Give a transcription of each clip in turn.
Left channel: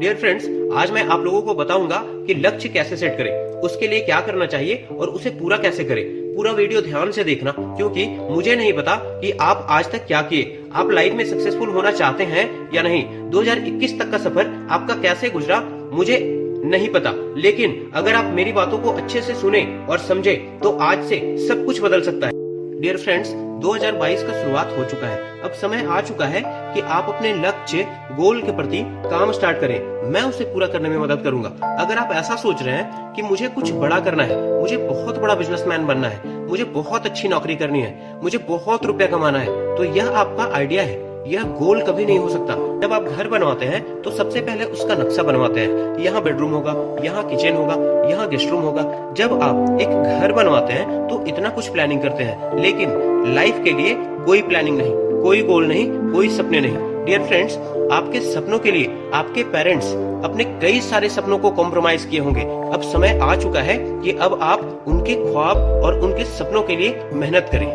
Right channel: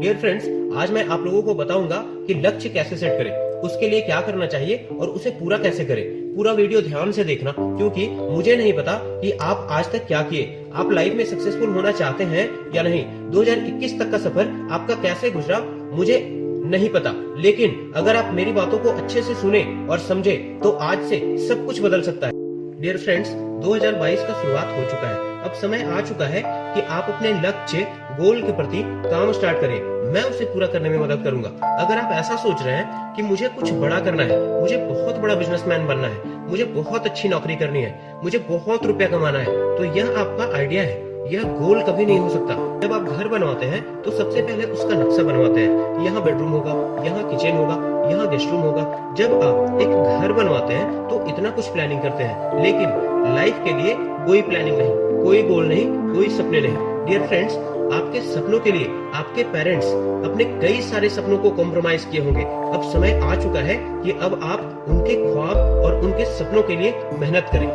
Dear friends, आज मैं आप लोगों को बताऊंगा कि लक्ष्य कैसे सेट करें, उसके लिए क्या करना चाहिए और उसे पूरा कैसे करें। पूरा वीडियो ध्यान से देखना, क्योंकि मुझे नहीं पता कि आप आज तक क्या किए, आप लाइफ में सक्सेसफुल होना चाहते हैं या नहीं। 2021 तक का सफर आपका कैसे गुजरा मुझे नहीं पता, लेकिन अगर आप मेरी बातों को अच्छे से सुने और समझे तो आज से सब कुछ बदल सकता है। डियर फ्रेंड्स, 2022 का शुरुआत हो चुका है। अब समय आ चुका है कि आप अपने लक्ष्य गोल के प्रति काम स्टार्ट करें। मैं उसे पूरा करने में मदद करूंगा। अगर आप ऐसा सोच रहे हैं कि मुझे कुछ बड़ा करना है, मुझे बहुत बड़ा बिजनेसमैन बनना है, मुझे बहुत अच्छी नौकरी करनी है, मुझे बहुत रुपया कमाना है, तो यह आपका आइडिया है। यह गोल कभी नहीं हो सकता। जब आप घर बनवाते हैं तो सबसे पहले उसका नक्शा बनवाते हैं। यहाँ बेडरूम होगा, यहाँ किचन होगा, यहाँ गेस्ट रूम होगा। जब आप एक घर बनवाते हैं तो इतना कुछ प्लानिंग करते हैं, लेकिन लाइफ के लिए कोई प्लानिंग नहीं, कोई गोल नहीं, कोई सपने नहीं। डियर फ्रेंड्स, आपके सपनों के लिए आपके पेरेंट्स अपने कई सारे सपनों को कॉम्प्रोमाइज किए होंगे। अब समय आ चुका है कि अब आप उनके ख्वाब और उनके सपनों के लिए मेहनत करें।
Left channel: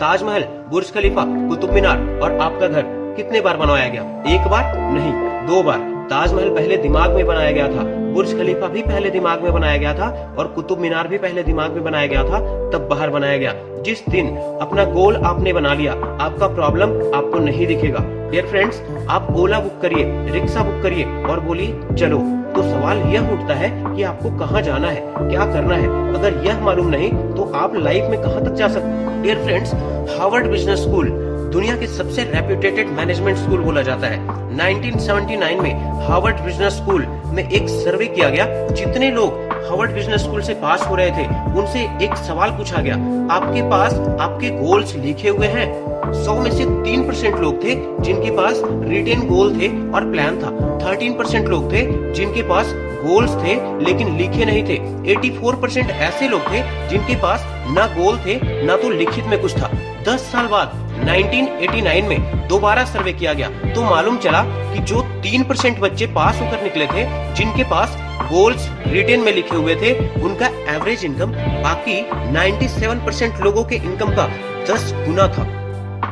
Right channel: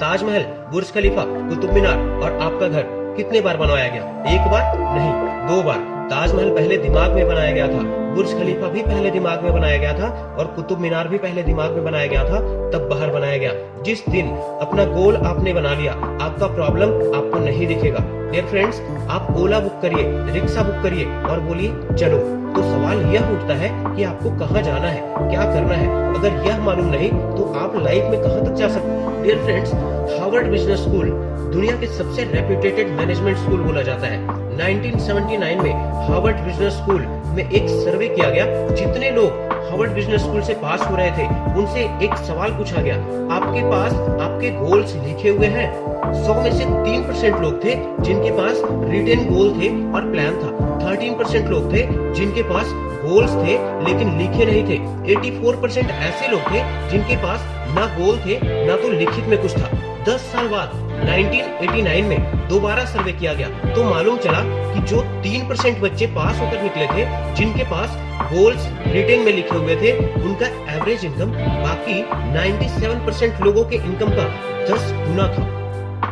ताजमहल, बुर्ज खलीफा, कुतुब मीनार और आपका घर कितने बार बनवाया गया? एक बार नहीं, 2 बार। ताजमहल पहले दिमाग में बनाया गया था, बुर्ज खलीफा भी पहले दिमाग में बनाया गया था और कुतुब मीनार भी पहले दिमाग में बनाया गया था, तब बाहर बनाया गया। जिस दिन अपना गोल आपने बना लिया, आपका प्रॉब्लम आपको नहीं दिखेगा। डियर फ्रेंड्स, आप ओला बुक करिए, रिक्शा बुक करिए और बोलिए चलो। तो सवाल यह उठता है कि आपको कहाँ जाना है, क्या करना है। अगर यह मालूम नहीं तो आप लाइफ में कहाँ तक जा सकते हैं। Dear friends, Harvard business school दुनिया के सबसे रेप्यूटेड मैनेजमेंट स्कूल बोला जाता है। 1979 में हार्वर्ड बिजनेस स्कूल में एक सर्वे किया गया। जितने लोग हार्वर्ड बिजनेस स्कूल से पास हो रहे थे उनसे एक सवाल पूछा गया, आपके पास आपके गोल्स लिखे हुए हैं? 100 में से 3% लोग थे जिनके पास रिटन गोल थे और प्लान था। 13% लोग थे जिनके पास गोल्स थे लेकिन लिखे नहीं थे। 84% ऐसे लोग थे जिनके पास ना गोल थे ना तो लिखित में कुछ था। 10 साल बाद 1989 में दोबारा सर्वे किया गया तो मालूम चला कि जो 3% बच्चे पास होकर निकले थे जिनके पास गोल्स रिटन में लिखे हुए थे, उनका एवरेज इनकम बाकी 97% लोगों के इनकम का 10 गुना था।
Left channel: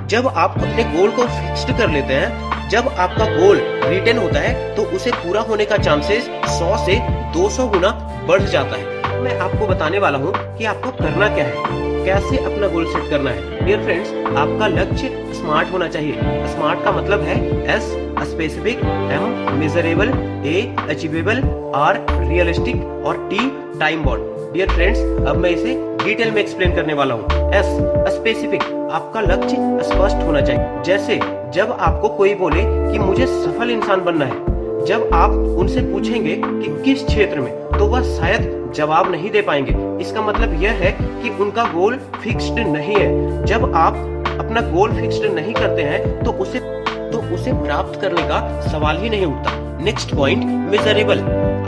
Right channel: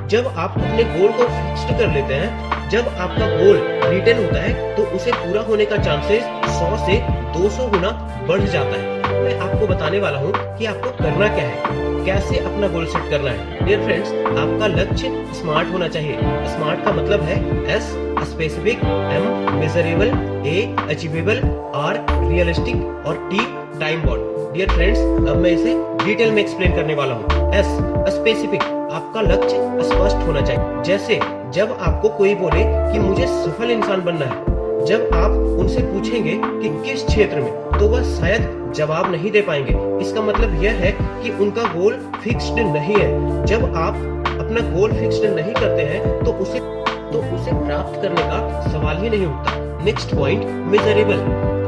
जब आप अपने गोल को फिक्स्ड कर लेते हैं, जब आपका गोल रिटन होता है तो उसे पूरा होने का चांसेस 100 से 200 गुना बढ़ जाता है। मैं आपको बताने वाला हूँ कि आपको करना क्या है, कैसे अपना गोल सेट करना है। डियर फ्रेंड्स, आपका लक्ष्य स्मार्ट होना चाहिए। स्मार्ट का मतलब है S specific, M measurable, A achievable, R realistic और T time bound. Dear friends, अब मैं इसे डिटेल में एक्सप्लेन करने वाला हूँ। S स्पेसिफिक, आपका लक्ष्य स्पष्ट होना चाहिए। जैसे जब आपको कोई बोले कि मुझे सफल इंसान बनना है, जब आप उनसे पूछेंगे कि किस क्षेत्र में, तो वह शायद जवाब नहीं दे पाएंगे। इसका मतलब यह है कि उनका गोल फिक्स्ड नहीं है। जब आप अपना गोल फिक्स्ड नहीं करते हैं तो उसे प्राप्त करने का सवाल ही नहीं उठता। Next point, measurable.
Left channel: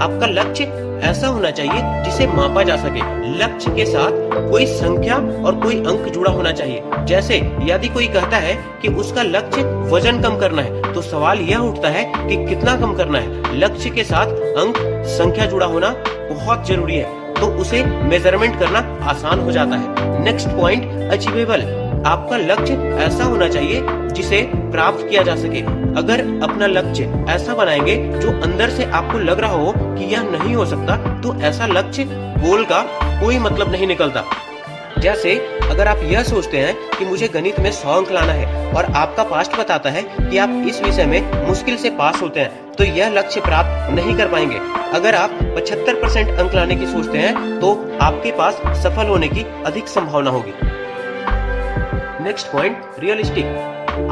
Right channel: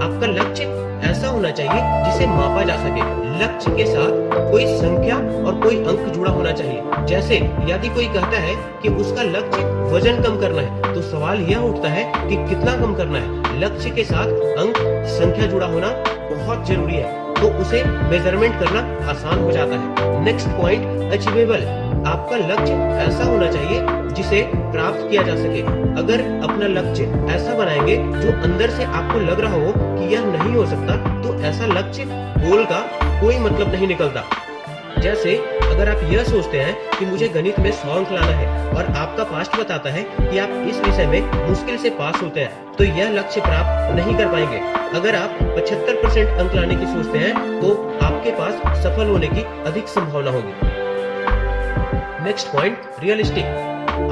आपका लक्ष्य ऐसा होना चाहिए जिसे मापा जा सके। लक्ष्य के साथ कोई संख्या और कोई अंक जुड़ा होना चाहिए। जैसे यदि कोई कहता है कि उसका लक्ष्य वजन कम करना है, तो सवाल यह उठता है कि कितना कम करना है। लक्ष्य के साथ अंक, संख्या जुड़ा होना बहुत जरूरी है, तो उसे मेजरमेंट करना आसान हो जाता है। Next point, achievable. आपका लक्ष्य ऐसा होना चाहिए जिसे प्राप्त किया जा सके। अगर अपना लक्ष्य ऐसा बनाएंगे जो अंदर से आपको लग रहा हो कि यह नहीं हो सकता, तो ऐसा लक्ष्य गोल का कोई मतलब नहीं निकलता। जैसे अगर आप यह सोचते हैं कि मुझे गणित में 100 अंक लाना है और आपका पास्ट बताता है कि आप इस विषय में मुश्किल से पास होते हैं, तो यह लक्ष्य प्राप्त नहीं कर पाएंगे। अगर आप 75% अंक लाने की सोचते हैं तो आपके पास सफल होने की अधिक संभावना होगी। Next point, realistic.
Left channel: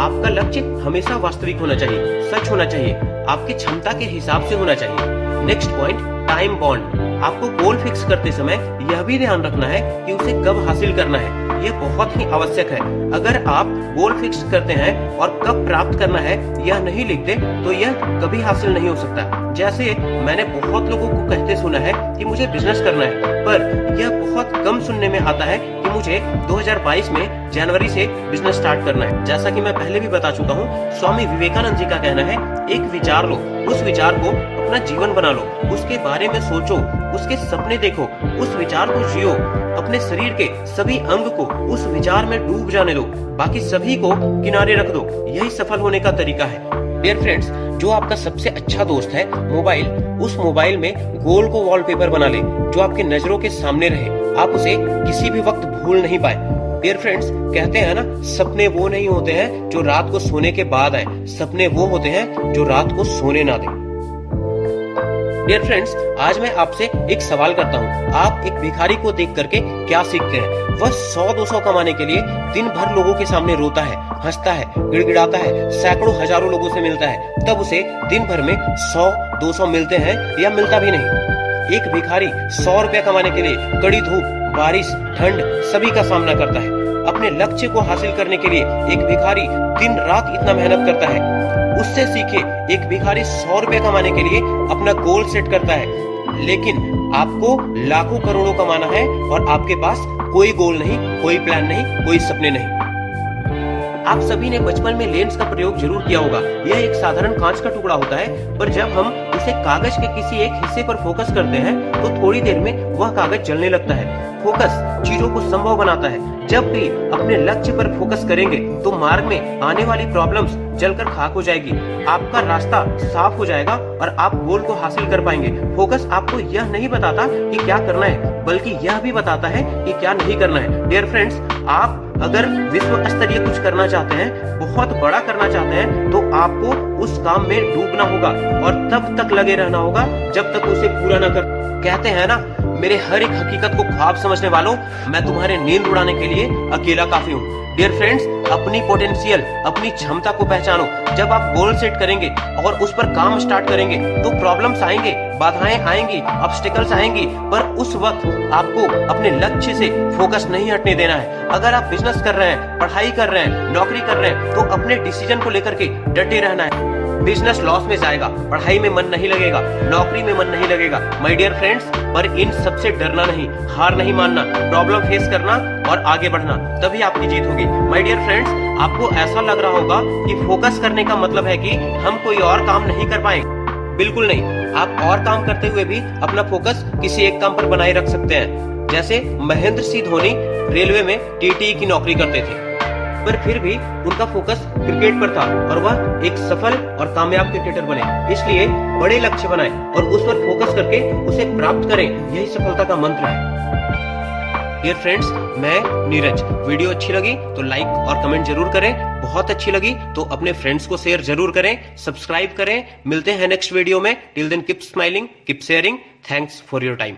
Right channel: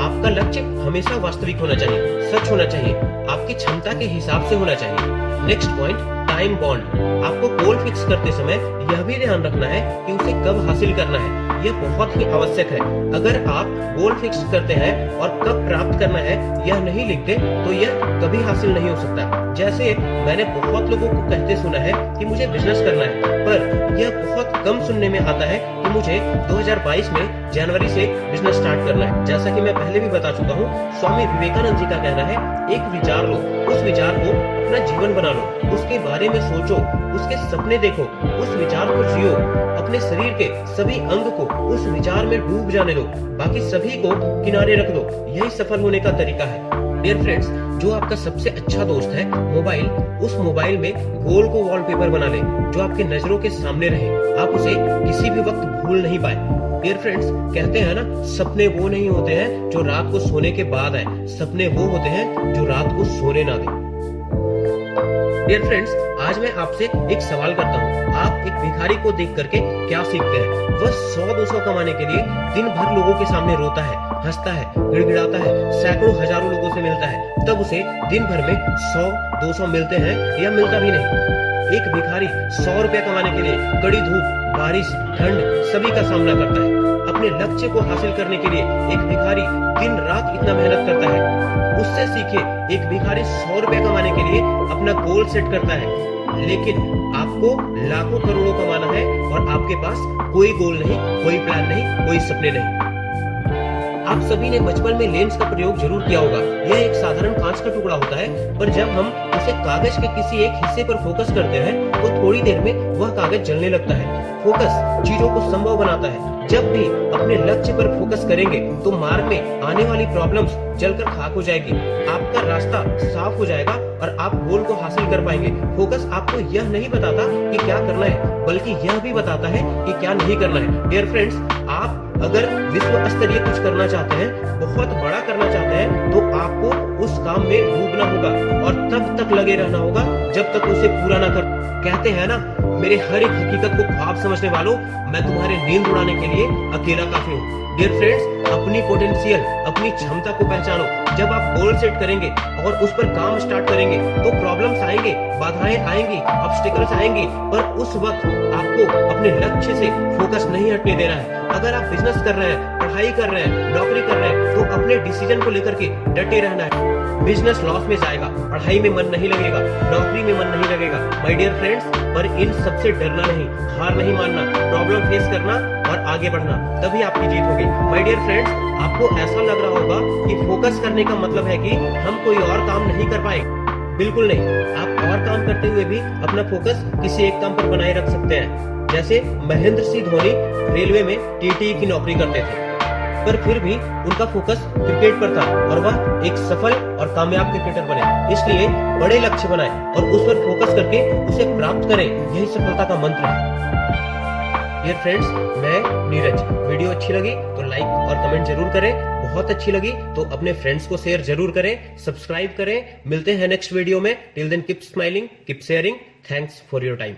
आपका लक्ष्य हमेशा वास्तविक होना चाहिए, सच होना चाहिए, आपकी क्षमता के हिसाब से होना चाहिए। Next point, time bound. आपको गोल फिक्स करते समय यह भी ध्यान रखना है कि उसे कब हासिल करना है। यह बहुत ही आवश्यक है। अगर आप गोल फिक्स करते हैं और कब प्राप्त करना है यह नहीं लिखते, तो यह कभी हासिल नहीं हो सकता। जैसे मैंने बहुत लोगों को कहते सुना है कि मुझे बिजनेस करना है, पर यह बहुत कम सुनने में आता है कि मुझे 2022 में जनवरी से बिजनेस स्टार्ट करना है। जैसा कि मैं पहले भी बता चुका हूँ, स्वामी विवेकानंद जी का कहना है, एक विचार लो, उस विचार को अपना जीवन बना लो, उसके बारे में सोचो, उसके सपने देखो, उस विचार को जियो, अपने शरीर के सभी अंग को उस विचार में डूब जाने दो, बाकी सभी को किनारे रख दो। यही सफल होने का तरीका है। डियर फ्रेंड्स, जो आपका सबसे अच्छा दोस्त है मोबाइल, उस मोबाइल में गोल को वॉलपेपर बना ले जो आपके नजरों के सामने रहे, आप उसे किसी भी वक्त भूल नहीं पाए। डियर फ्रेंड्स, कहते हैं ना, सपने वो नहीं होते हैं जो रात को सोने के बाद आए, सपने वो होते हैं जो रात को सोने ना दें। डियर फ्रेंड्स, आज मैं आपसे एक सवाल करता हूँ, आप एक भिखारी को देख करके क्या सीखते हैं? वह 100-200 कमाने के लिए दिन भर लोगों के सामने रोता है, हंसता है, गिड़गिड़ाता है, सैकड़ों हजारों लोगों से मिलता है, तब उसे दिन भर में 100-200 मिलते हैं या मिलता भी नहीं। एक भिखारी 100 रुपए कमाने के लिए कड़ी धूप, बारिश, ठंड सभी का सामना करता है। अपने लक्ष्य को हासिल करने के लिए एक भिखारी दिन रात इतना मेहनत करता है। उससे सीखे, एक भिखारी 100 रुपए कमाने के लिए अपना गोल सेट करता है, लेकिन आपको लाखों करोड़ों कमाना है और आपके पास कोई गोल नहीं, कोई प्लान नहीं, कोई सपने नहीं। आप सभी ने बचपन में लेंस का प्रयोग जरूर किया होगा। यह एक साधारण कांच का टुकड़ा होता है, पर जब हम उसे कागज के किसी एक हिस्से पर फोकस करते हैं तो थोड़ी देर में वह कागज जलने लगता है। फोकस चीजों को संभव बनाता है। जब भी अपने लक्ष्य पर फोकस करेंगे तो मार्ग में आने वाली प्रॉब्लम्स जलकर खाक हो जाएगी, आपका रास्ता साफ हो जाएगा और आप गोल को हासिल कर पाएंगे। फोकस आपको यह नहीं बताता कि क्या करना है, बल्कि यह भी बताता है कि क्या नहीं करना है। डियर फ्रेंड्स, आप अगर विश्व स्तरीय कुछ करना चाहते हैं, बहुत बड़ा करना चाहते हैं, तो आपको उस काम में डूबना होगा और तब तक लगे रहना होगा जब तक उसे पूरा न कर। कहते हैं ना, मेरे हर एक हकीकत को ख्वाब समझने वालों, मैं तुम्हारे नींद उड़ाने के लिए अकेला काफी हूँ। डियर फ्रेंड्स, अपनी पोटेंशियल, अपनी क्षमता को पहचानो। जब आप गोल सेट करेंगे और उस पर काम स्टार्ट करेंगे तो प्रॉब्लम्स आएंगे, बाधाएं आएंगी, ऑब्स्टिकल्स आएंगी, पर उस वक्त आपको अपने लक्ष्य से फोकस नहीं हटने देना है। अगर आप बिजनेस कर रहे हैं, पढ़ाई कर रहे हैं, नौकरी कर रहे हैं, तो अपने डिसीजन को लेकर के डटे रहना है। बिजनेस लॉस में जाएगा, पढ़ाई में मन नहीं लगेगा, नौकरी में मन नहीं लगेगा, माय डियर फ्रेंड्स, पर इन सबसे डरना नहीं, हार नहीं मानना, प्रॉब्लम फेस करना और आगे बढ़ना, तभी आपकी जीत होगी। माय डियर फ्रेंड्स, आपको ऐसा लग रहा होगा कि फोकस करने का मतलब है कि हम कोई और काम नहीं कर पाए। बिल्कुल नहीं, आप और काम करते हुए भी अपना फोकस किसी एक काम पर बनाए रख सकते हैं। जैसे महेंद्र सिंह धोनी रेलवे में टीटी की नौकरी करते थे, पर फिर भी उनका फोकस क्रिकेट पर था और वह एक सफल और कामयाब क्रिकेटर बने। इसलिए बड़े लक्ष्य बनाएं और उस पर फोकस करके उसे प्राप्त करें, यही सफलता का मंत्र है। डियर फ्रेंड्स, मैं नीरज। वीडियो अच्छी लगी तो लाइक और कमेंट जरूर करें, बहुत अच्छी लगी तो अपने फ्रेंड्स को शेयर जरूर करें, सब्सक्राइब करें। मिलते हैं नेक्स्ट वीडियो में। Till then keep smiling, keep sharing. Thanks for your time.